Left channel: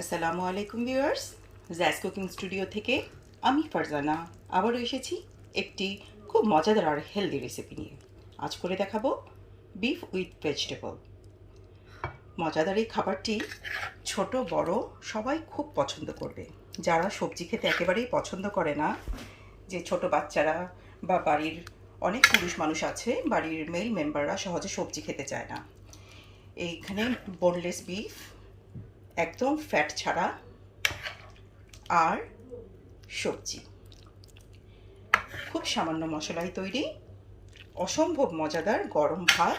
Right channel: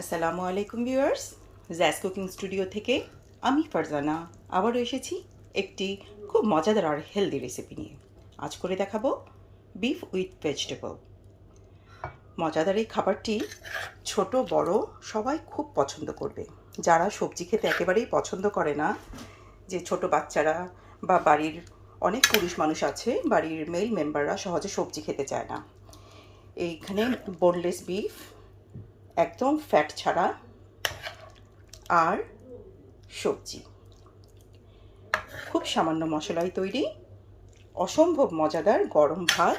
আসসালামু আলাইকুম viewers, jazz cooking studio থেকে আমি ফারজানা আবারও এসেছি একটি খুব মজাদার আর হেলদি রেসিপি নিয়ে। আজ করে দেখাবো বিফ উইথ ভেজিটেবল। মজাদার এই খাবারটি ছোট বড় সবাই খুব পছন্দ করবে। যারা সবজি খেতে একেবারেই পছন্দ করে না, যে ছোট বাচ্চারা বা বাড়ির অনেক পুরুষ মানুষ আছে, বাড়ির মেল মেম্বাররা সহজে সবজি খেতে চায় না, এইখানে বোনলেস বিফ একদম ফ্যাট ছাড়া আর সবজি, খুব সামান্য মশলায় তৈরি অসম্ভব মজাদার গরম ভাত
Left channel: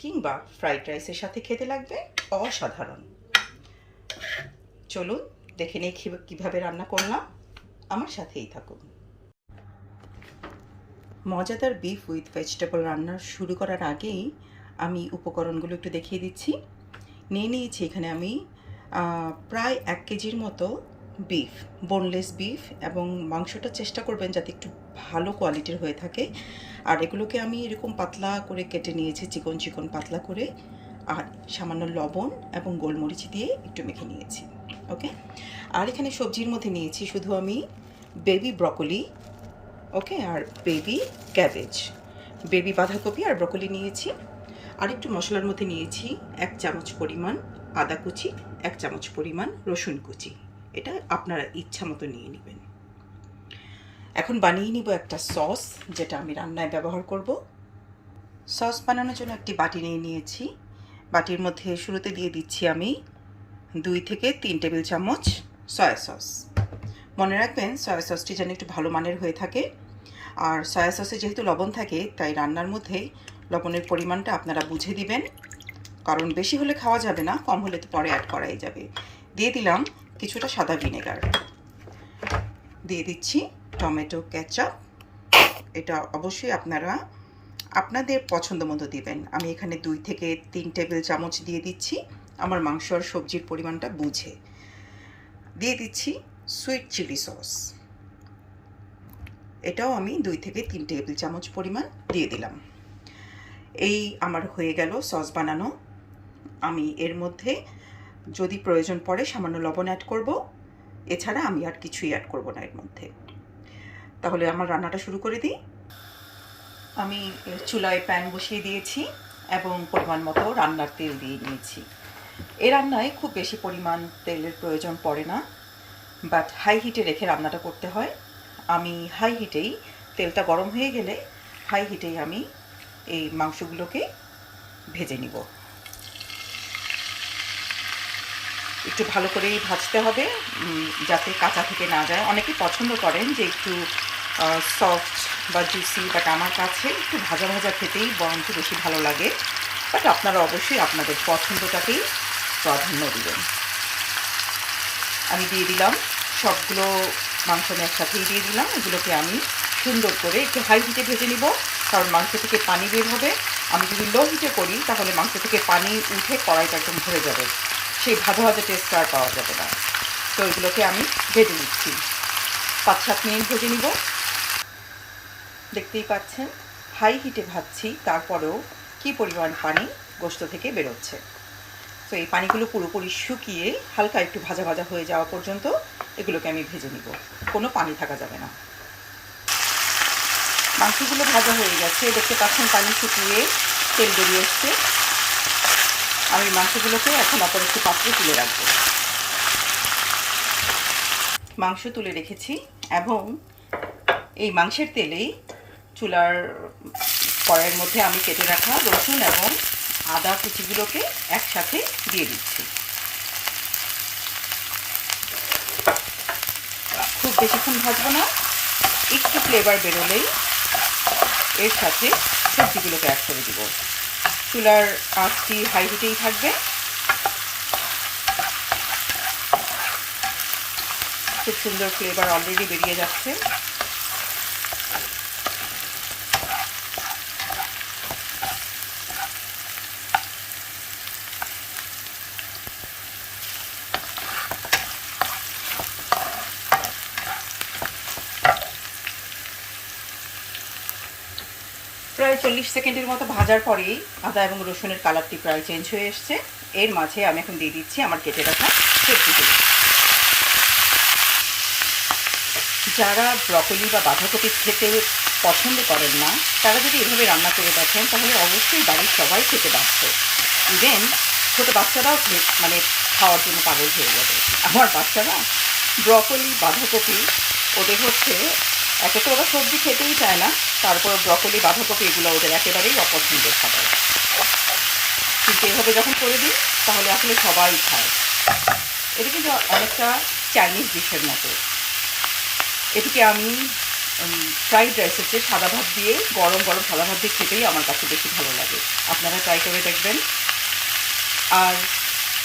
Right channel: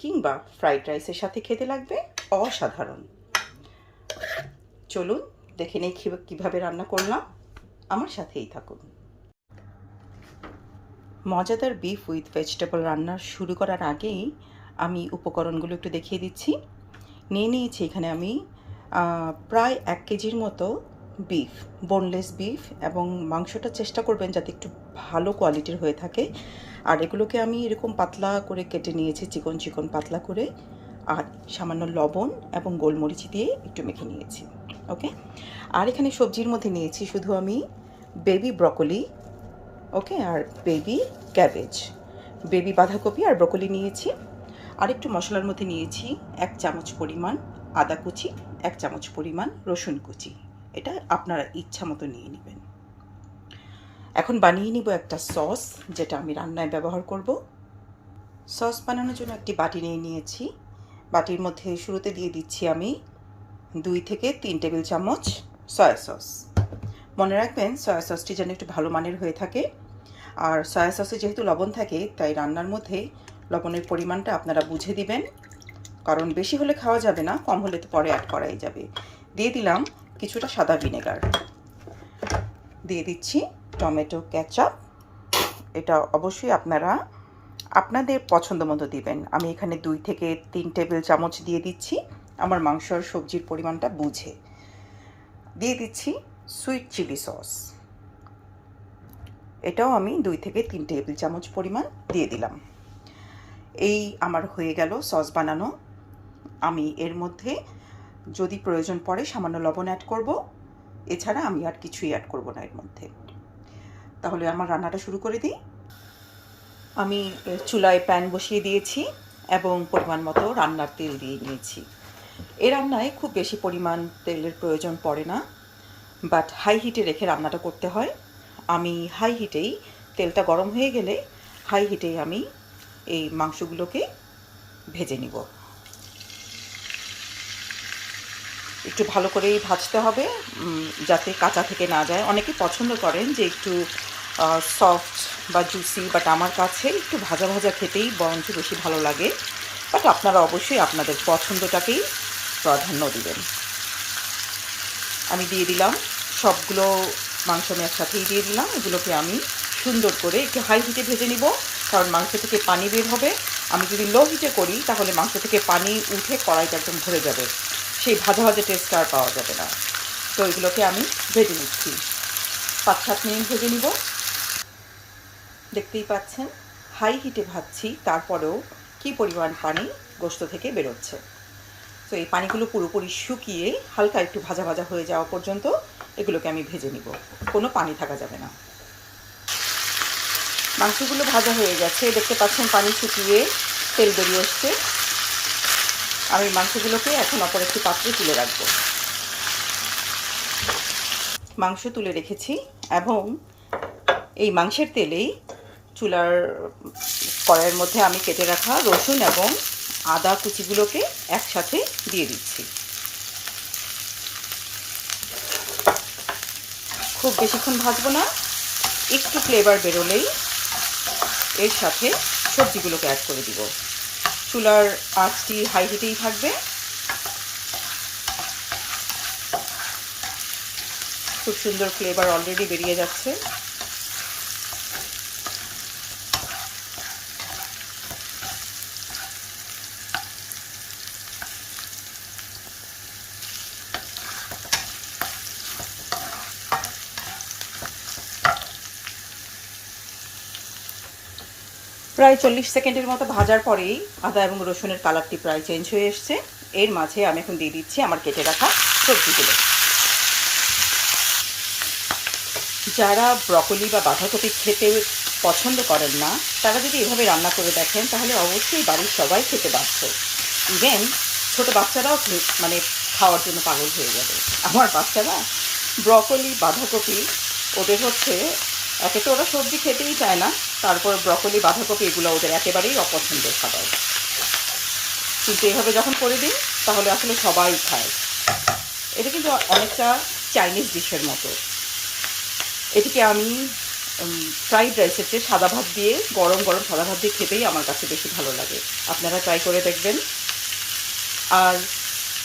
কিংবা ফ্রাইড রাইসের সাথে খেতে লাগবে অসাধারণ। চলুন দেখে নেই কীভাবে রান্না করলাম, আমার সাথেই থাকুন। মজাদার বিফ উইথ ভেজিটেবল রান্না শুরু করার আগেই আমি উপকরণগুলো একটু দেখিয়ে দিচ্ছি। নিয়েছি এখানে আমি প্রায় 1 কেজির মতো বিফ, বোনলেস বিফ, এবং মাংসটা চেষ্টা করবেন যাতে একটু ভালো কোয়ালিটির হয়ে থাকে। আর এগুলোকে আমি এরকম পাতলা করে কেটে নিয়েছি, চিকন চিকন পাতলা করে, আর সামান্য লবণ এবং গোলমরিচ দিয়ে একটু মেখে নিয়েছি। ওকে, আর এখানে সবজির মধ্যে নিয়েছি শুধু আমি বেবি ব্রকলি, ওকে, আর বেবি ক্যাবেজ, বেবি বাঁধাকপি আর ব্রকলি নিয়েছি। আর একটু মশলার মধ্যে নিয়েছি 1 চামচ পরিমাণ আদা কুচি, 1 চামচ পরিমাণ রসুন কুচি। এটা আপনারা ইচ্ছা মতো নিয়ে নেবেন। এখন বানিয়ে নিব একটা সস, যেটা আমি রান্নায় ব্যবহার করব। সস বানানোর জন্য একটি বাটি নিয়ে নিয়েছি। বাটির মধ্যে শুরুতে দিয়ে দিচ্ছি আমি 2 থেকে 3 টেবিল চামচ সয়া সস। মনে রাখবেন সয়া সসটি যেন একটু ভালো মানের হয়ে থাকে। আর সয়া সসে যেহেতু লবণ থাকে, তাই রান্নার মধ্যে লবণের পরিমাণটা আপনারা বুঝে দিবেন, কারণ বেশি হলে খাওয়া যাবে না, কম হলে তো পরে অ্যাড করাই যাবে। দিয়ে দিলাম কিছুটা সাদা ভিনেগার, দিয়ে দিচ্ছি টমেটো কেচাপ। এটা অবশ্যই আপনারা আপনাদের পছন্দ মতো দিবেন। আমি এখানে 2 থেকে 3 টেবিল চামচ দিয়ে দিচ্ছি, আমার মাংস আর সবজির পরিমাণটা বুঝে। দিয়ে দিচ্ছি সুইট চিলি সস, এটাও আমি 2 থেকে 3 টেবিল চামচ পরিমাণ দিয়ে দিলাম। এই আমার হয়ে গেল সস বানানো। আমি এর মধ্যে যদি প্রয়োজন পড়ে সামান্য লবণ অ্যাড করব, এছাড়া আমি আর কিছুই অ্যাড করব না এর মধ্যে। তাহলে আমার রান্নাটা শুরু করে দিই। আমি চুলায় প্যান বসিয়ে দিয়েছি এবং পরিমাণ মতো রান্নার তেল দিয়ে নিয়েছি। এই রান্নায় খুব বেশি পরিমাণ তেলের প্রয়োজন পড়ে না, বাট হাই হিটে রেখে রান্নাটা করতে হয়। আমি হাই হিটেই, তেলটা গরম হয়ে গেলে হাই হিটেই আমি এই মাংসগুলোকে ভেজে নিব। একটু ভালো করেই ভাজতে হবে, যাতে কাঁচা থেকে না যায়। অনেকেই পছন্দ করেন যে একটু সফট বা জুসি, বাট আমার কাছে একটু ভাজা ভাজা খেতেই বরঞ্চ বেশি ভালো লাগে। বাট আপনারা অবশ্যই আপনাদের পছন্দটাকেই প্রাধান্য দিবেন। আমি দিয়ে দিলাম সবগুলো মাংস, আমি একসাথেই দিয়ে দিলাম। এগুলোকে আমি সুন্দর করে একটু হাই হিটে ভেজে নিব, কারণ মাংস থেকে পানি বের হবে। আমি যদি লো হিটে করি তাহলে মাংস থেকে পানি উঠে কড়াইটা একদম ভরে যাবে, সেই ভাজা ভাজা টেস্টটা আর পাওয়া যাবে না। তো এগুলোকে আমি ভেজে নিচ্ছি, 5-7 মিনিট ভেজে নিব। দেখতেই পাচ্ছেন হাই হিটে ভাজছি, তারপরেও কি পরিমাণ পানি গোশত থেকে বেরোচ্ছে। তো এই পানিগুলো পুরোপুরি শুকিয়ে হালকা একটু ভাজা ভাজা হয়ে যাওয়া পর্যন্ত এগুলোকে আমি ভেজে নিব, কোনো পানি থাকা যাবে না। মাংসগুলো ভাজা হয়ে গেছে, দেখতে পাচ্ছেন পানি শুকিয়ে তেল বেরিয়ে এসছে। আমি মাংসগুলোকে এখন অপর একটি পাত্রে তুলে রাখবো। মাংস তুলে রেখেছি এবং এই মাংসের তেলেই চুলার কড়াইয়ের মধ্যে আমি কেটে রাখা রসুন এবং আদা কুচিগুলোকে একসাথে দিয়ে দিচ্ছি। খুব বেশিক্ষণ ভাজবো না, একটু ফ্লেভার বেরোলেই এর সাথে সবজিগুলোকে অ্যাড করে দিব। চুলার আঁচটি হাই হিটেই থাকবে। খুব সুন্দর ফ্লেভার অলরেডি বেরিয়ে যাচ্ছে। প্রায় 40 সেকেন্ডের মতো ভাজার পরেই আদা এবং রসুনের কালারটি প্রায় চেঞ্জ হয়ে এসছে। এর মাঝে আমি এখন দিয়ে দিচ্ছি আমার কেটে রাখা সবজিগুলো। যারা ব্রকলি বা বাঁধাকপি খেতে পছন্দ করেন না, তারা যদি এভাবে রান্না করে দেখেন তাহলে অবশ্যই বাড়ির সবাই খেতে বাধ্য। ইভেন ছোটো বাচ্চারাও মানে খাওয়ার জন্য পাগল হয়ে যাবে। আমার বাচ্চারা ব্রকলি বাঁধাকপি ওদের হচ্ছে, একে তো ওরা সবজি খেতেই চায় না, তারপর ব্রকলি বাঁধাকপি এগুলো ওদের একেবারেই অপছন্দের খাবার। কিন্তু এভাবে যখন করে দিই তাহলে আসলে সবাই খায়। এটা কিন্তু অনেকটা চাইনিজ ডিশের মতো। এটিকে আমি ফ্রাইড রাইসের চেয়ে সাদা ভাত দিয়ে, গরম গরম সাদা ভাত দিয়ে খেতেই আমার কাছে বেশি ভালো লাগে। আপনারা ট্রাই করে দেখবেন। আর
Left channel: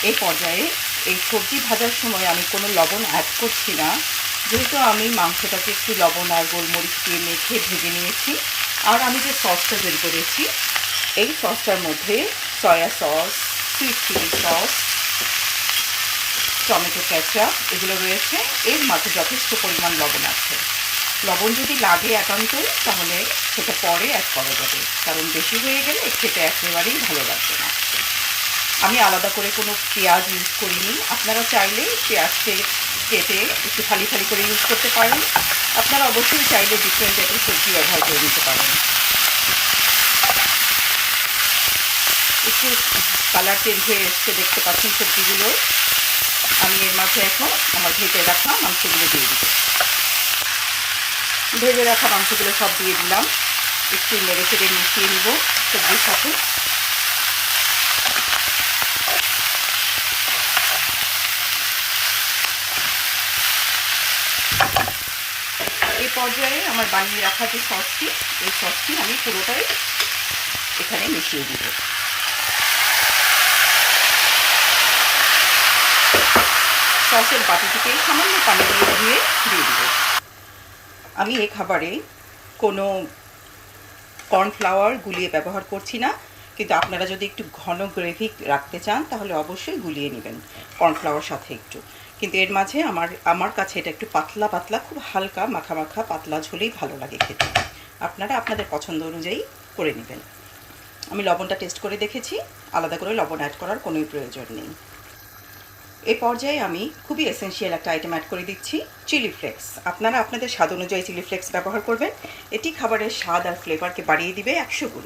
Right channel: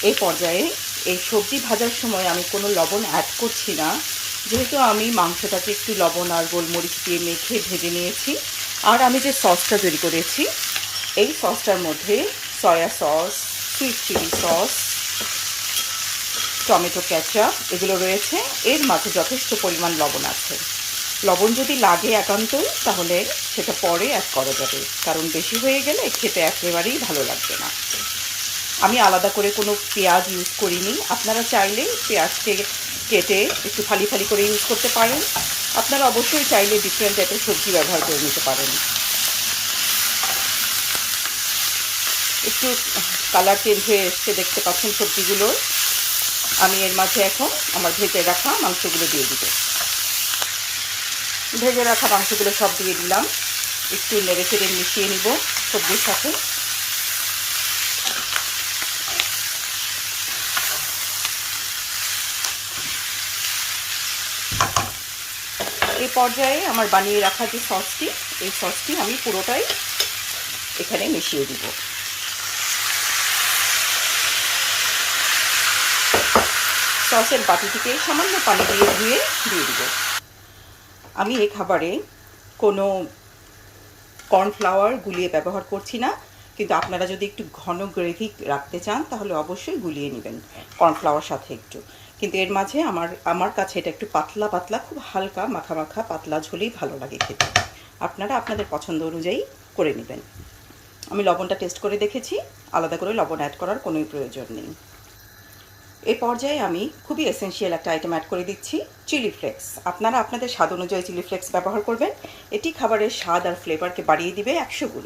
এই পর্যায়ে এই সবজি ভাজার সময় আমি কোনো লবণ অ্যাড করছি না, যেহেতু আমি মাংসটাকে একটু লবণ আর গোলমরিচ দিয়ে মেখে ভেজে নিয়েছি। আর আমি যে সসটা তৈরি করেছি, এই সসটার মধ্যে soya sauce, sweet chilli sauce, tomato ketchup এগুলো রয়েছে। এর মাঝে যথেষ্ট পরিমাণ লবণ আছে। লবণ যদি লাগে একান্তই তাহলে সেটা পরে অ্যাড করা যাবে, কারণ বেশি হয়ে গেলে খেতে একেবারেই ভালো লাগবে না। আমি আলাদা করে কোনো পেঁয়াজ ইউজ করিনি। আপনারা চাইলে পেঁয়াজকে কেটে একটু ফালি ফালি করে ইউজ করতে পারেন। আপনারা অবশ্যই চাইলে ডিফারেন্ট টাইপের সবজি ব্যবহার করে নিতে পারেন। একটু কালার চেঞ্জ হয়ে এসছে, দেখতে পাচ্ছেন সবজিগুলোর। আমি এর মাঝে এখন আমার ভেজে রাখা মাংসগুলো দিয়ে দিব। ভেজে রাখা মাংসগুলো সব দিয়ে দিলাম। একটু নেড়ে চেড়ে মিশিয়ে নিব সবজির সাথে। এই পর্যায়ে আমার বানিয়ে রাখা যে সসটি, এই সসটি আমি পুরোটাই এখানে মিশিয়ে দিব। সসের বাটিটিকে সামান্য পানি দিয়ে ধুয়ে দিয়ে দিব। আমি এই খাবারে কোনো কর্নফ্লাওয়ার গুলিয়ে ব্যবহার করছি না, কিন্তু আপনারা যদি একটু ঘন গ্রেভি রাখতে চান তাহলে অবশ্যই গুলিয়ে নেবেন কর্নফ্লাওয়ার সাথে একটু। কিন্তু এর মাঝে আমার কাছে এটা একটু পাতলা পাতলা, খুব হালকা মাখা মাখা পাতলা ঝোলেই ভালো লাগে খেতে। আপনারা আপনাদের পছন্দ অনুযায়ী করে নেবেন। আমি লবণটা টেস্ট করে দেখেছি, আলাদা করে লবণ অ্যাড করার কোনোই প্রয়োজন নেই। এই পর্যায়ে আমি খুবই এসেনশিয়াল একটা আইটেম অ্যাড করে দিচ্ছি, চিলি ফ্লেক্স। আপনারা আপনাদের স্বাদ অনুযায়ী চিলি ফ্লেক্স ব্যবহার করবেন। এটি খাবারের স্বাদ আর ফ্লেভারকে বাড়িয়ে দিবে 100 গুণ।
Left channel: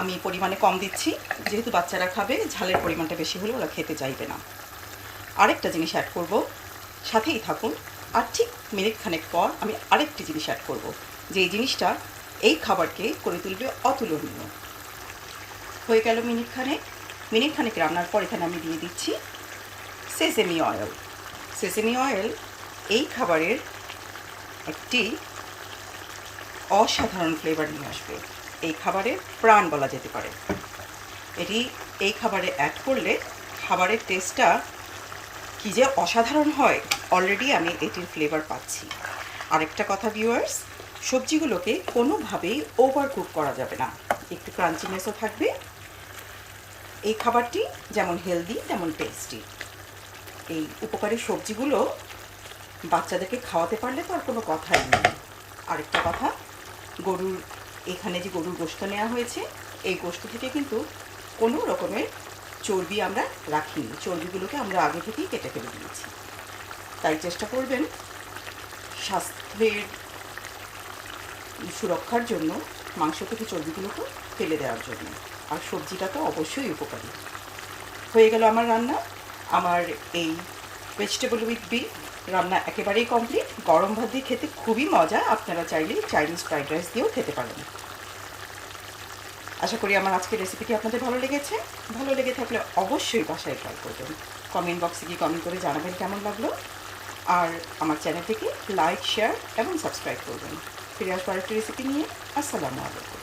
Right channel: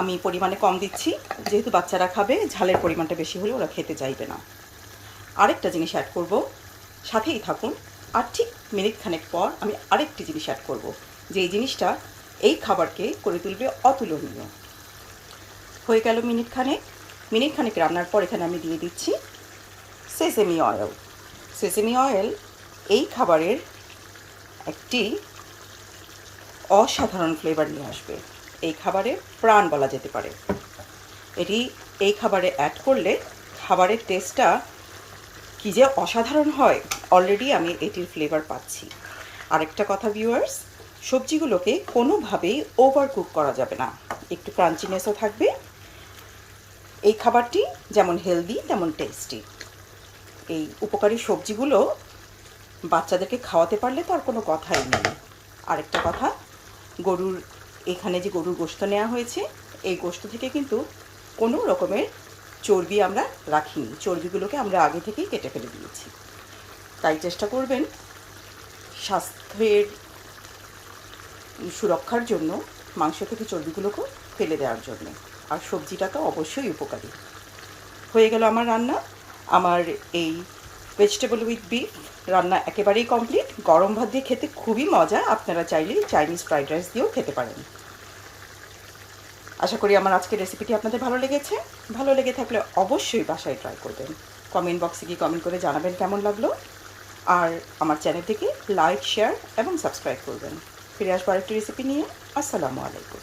আমি পরিমাণে কম দিচ্ছি, যেহেতু বাচ্চারা খাবে, ঝালের পরিমাণটা বেশি হলে ওরা খেতে চাইবে না। আরেকটা জিনিস অ্যাড করব, সাথেই থাকুন। আর ঠিক মিনিট খানেক পর আমি আরেকটি জিনিস অ্যাড করব, যে এই জিনিসটা এই খাবারকে করে তুলবে অতুলনীয়। হয়ে গেল মিনিট খানেক রান্নার পর এখানে আমি দিয়ে দিচ্ছি সেসেমি অয়েল। সেসেমি অয়েল এই খাবারের একটি অসাধারণ ফ্লেভার নিয়ে আসবে। এই খাবারের প্রাণ বলা যেতে পারে। এই খাবারে অ্যাড করলে খাবারের টেস্টটা কী যে অসাধারণ হয়, অলরেডি আমি এটির ফ্লেভার পাচ্ছি। আরেকটা কথা ভিউয়ার্স, সবজিগুলোকে কোনোভাবেই ওভার কুক করা যাবে না, একটু ক্রাঞ্চিনেসও থাকবে। এই খাবারটি যেমন হেলদি তেমন টেস্টি। এই উপকারী সবজিগুলো বাচ্চাদেরকে খাওয়াতে পারলে তো আর কোনো কথাই নেই। আরেকটা কথা, এখানে যে গরুর গোশত নেওয়া হয়েছে, এই গোশত থেকে কিন্তু কোনো রকমের চর্বি আমরা রাখিনি। চর্বিগুলোকে আমরা আগে থেকেই কেটে ফেলে দিয়েছি। তাই চেষ্টা করবেন স্বাস্থ্যের সুরক্ষার জন্য মাংস থেকে চর্বিগুলোকে ফেলে দেওয়ার জন্য। আর সবজিটা তো অবশ্যই উপকারী। হয়ে গেল আমার রান্না। আমার এই ভেজিটেবল উইথ বিফ রান্না একেবারেই কমপ্লিট। গরম ভাত দিয়ে খেতে খুবই মজা। আপনারা চাইলে চাইনিজ ফ্রাইড রাইস দিয়েও খেতে পারেন। আশা করি আমার আজকের রেসিপিটি আপনাদের ভালো লেগেছে। ভালো লেগে থাকলে অবশ্যই বাসায় ট্রাই করবেন। কমেন্ট বক্সে গিয়ে কমেন্ট করে জানাবেন কেমন লাগলো। আর আমার চ্যানেলটিকে লাইক, শেয়ার এবং সাবস্ক্রাইব করবেন। ফিরে আসবো আরেকটি রেসিপি নিয়ে। আসসালামু আলাইকুম।